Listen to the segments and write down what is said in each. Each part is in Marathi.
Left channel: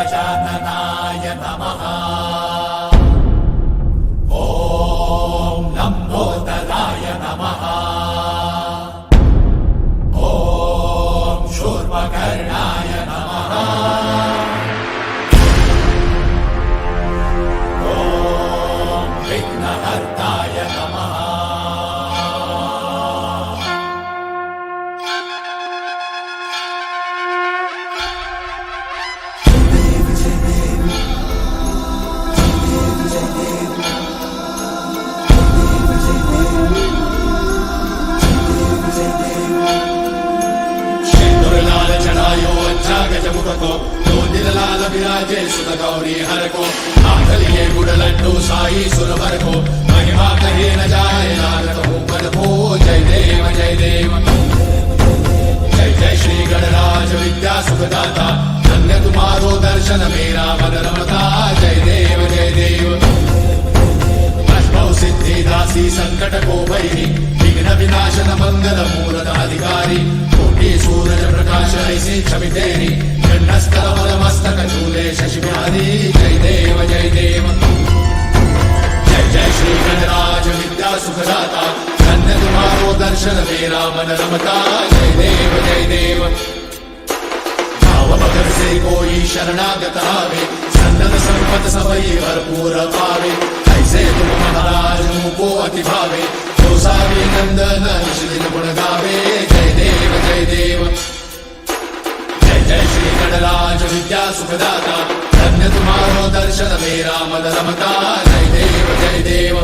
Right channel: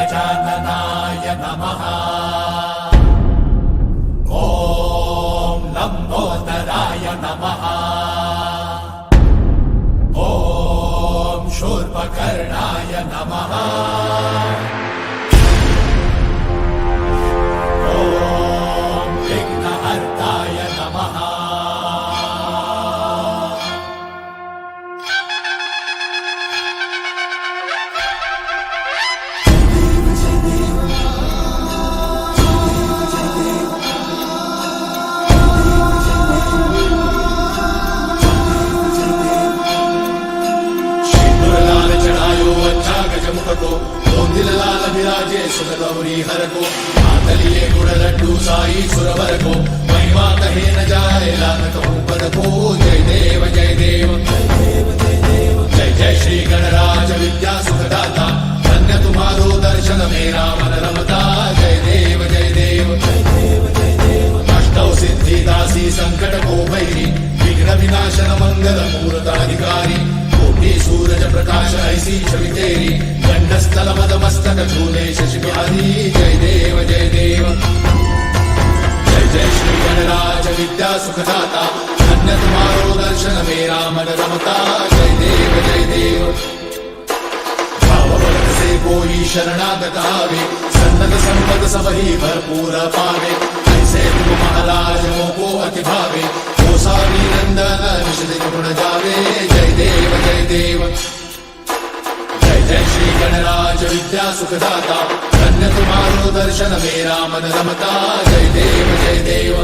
गजाननाय नमः। ॐ लम्बोदराय नमः। ॐ शूर्पकर्णाय नमः। ॐ विघ्नहर्ताय नमः। गौरी हर को नाचलिए गुड़ लड्डू साई सुरवर को महिमा कही न जाए लाल पद को। जय देव जय देव जय जय श्री गणराज विद्या सुखदाता धन्य तुम्हारो दर्शन मेरा मन रमता। जय देव जय देव अष्टौ सिद्धि दासी संकट को भैरी विघ्न विनाशन मंगल मूर्ताधिकारी कोटि सूरज प्रकाश ऐसी छवि तेरी कंठस्थल मद मस्तक चूले शशि बिहारी। जय देव जय देव जय जय श्री गणराज विद्या सुखदाता धन्य तुम्हारो दर्शन मेरा मन रमता। जय देव जय देव भाव भगत से कोई शरणागत आवे संतन संपद सबही भरपूर पावे। ऐसे तुम महाराज मोको अति भावे हो सारी नंदन निज दिन गुण गावे। जय देव जय देव जय श्री गणराज विद्या सुखदाता धन्य तुम्हारो दर्शन मेरा मन रमता। जय देव जय देव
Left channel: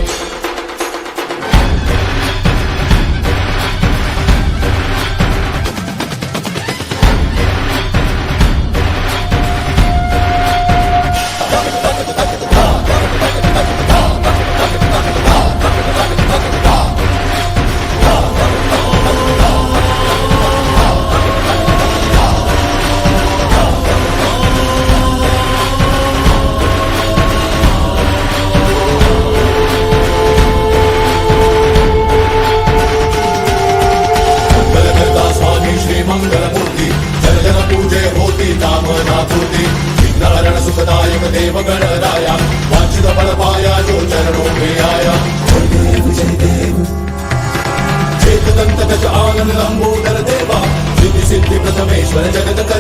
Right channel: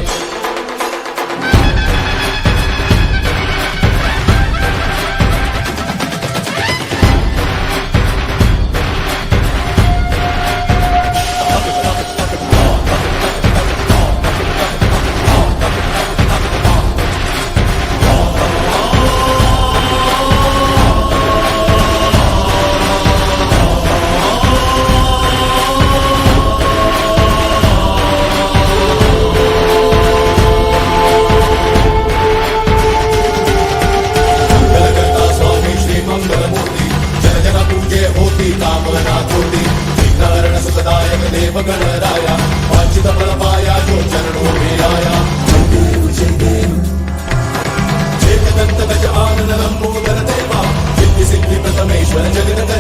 जगत